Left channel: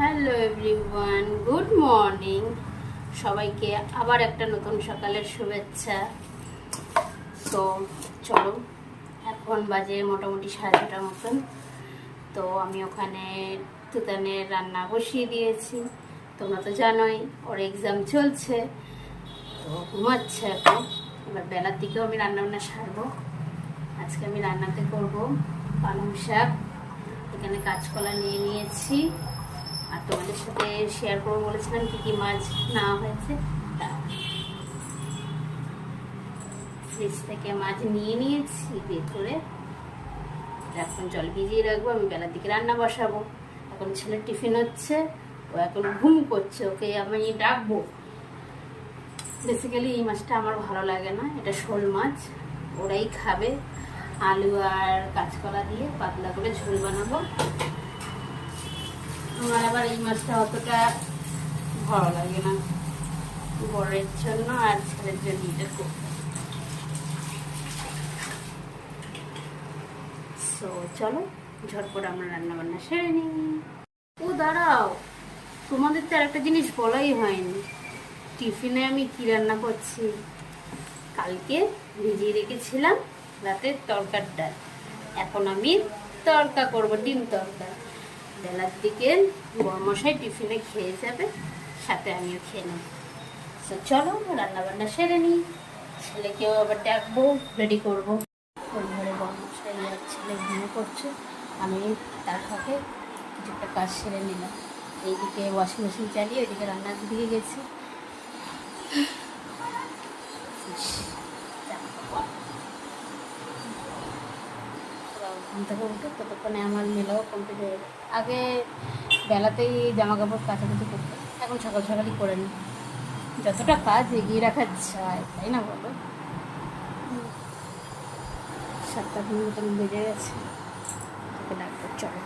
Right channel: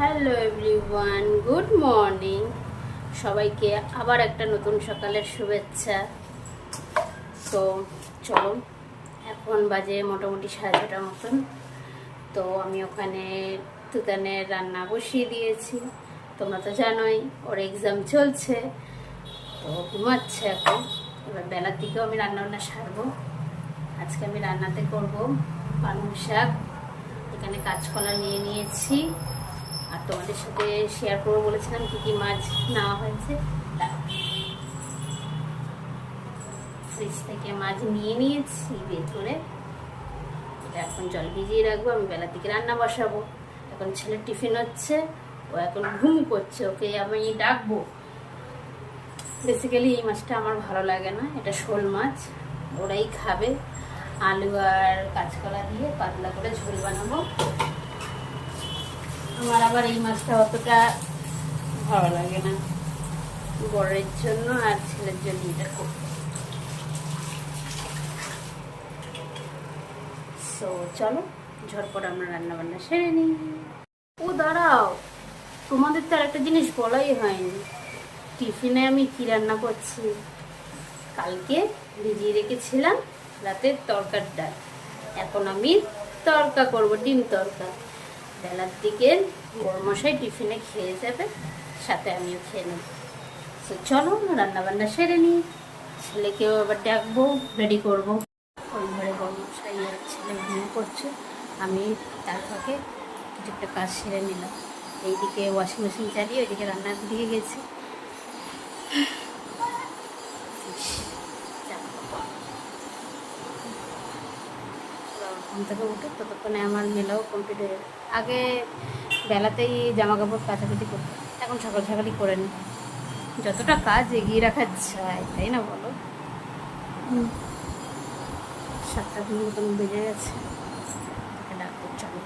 Hello everyone, good morning. সবাইকে আবার একটা নতুন সকালের শুভেচ্ছা। তো চলো, এখন বাজে মোটামুটি 6:30 মতন। তো আমি ওখানে তুতানের রান্না বসিয়ে দিয়েছি। তোমরা তো জানোই ওর এক্সাম চলছে, তো ঘুমাচ্ছে এখন। এবার বেলার দিকেও আমি রান্নাবান্না সারবো। আজকে আমি রান্নাতে করব পালং শাক, এখানে কাঁচকলা নিয়ে নিয়েছি, আর তোমাদের সাথে শেয়ার করবো বলেছিলাম কি কি মাছ নেওয়া হয়েছে। ফ্রিজ থেকে মাছ নিয়ে নিয়েছি বের করে, এখন জল ভিজিয়ে রাখবো। আমি বেলার দিকে রান্না বসাবো। এখন ছেলের টিফিন হচ্ছে, ও এখন ঘুম করছে, ওকে আমি ডাকবো। বেসিক্যালি এই মাছটা আমার ভালো লাগে না, এটা শোল মাছ, ওরাই খাবে। আলু আর কাঁচকলা দিয়ে পাতলা করে ঝোল বানাবো। আমার আবার এই মাছটা অতটা ভালো লাগে না, বড়ের জন্য আর ছেলের জন্য এটা করবো। সো চলো ঝটপট আমরা রান্না বান্না সেরে নিই। ও দাঁড়াও, তোমাদের তো আর একটা জিনিস বলাই হয়নি, টিফিনে আমি কি রান্না করছি। কালকে ভিজিয়ে রেখেছিলাম রাতের তরকার ডাল, এখন আমি তরকা করব, ডিম তরকা। বেলার দিকে বড়মশাই টিফিনে খেয়ে যাবে, সাথে আমিও খেয়ে নেব। তো চলো রান্না বান্না সেরে নিই, ছেলেকেও আবার ডাকবো, রেডি করবো। ওই ঘরে বড়মশাই আর ছেলে ঘুমিয়ে করছে, আমি তার ফাঁকে কিছু একটা কাজ সেরে নিলাম। এইদিকে ওয়াশিং মেশিন চালিয়ে ওইদিকে রান্নার দিকে গেছি। ঘুম থেকে উঠুক, ততক্ষণে আমার মেলাও কমপ্লিট হয়ে যাবে। আগে বেলাতেই জামা কাপড় কাচাকুচি করতাম, এখন সকাল সকালই করে নিই। যতটা কাজ এগিয়ে রাখা যায়, তাই না বলো? 7টা মতন বেজে গেছে, তোকে ডাকবো, চলো।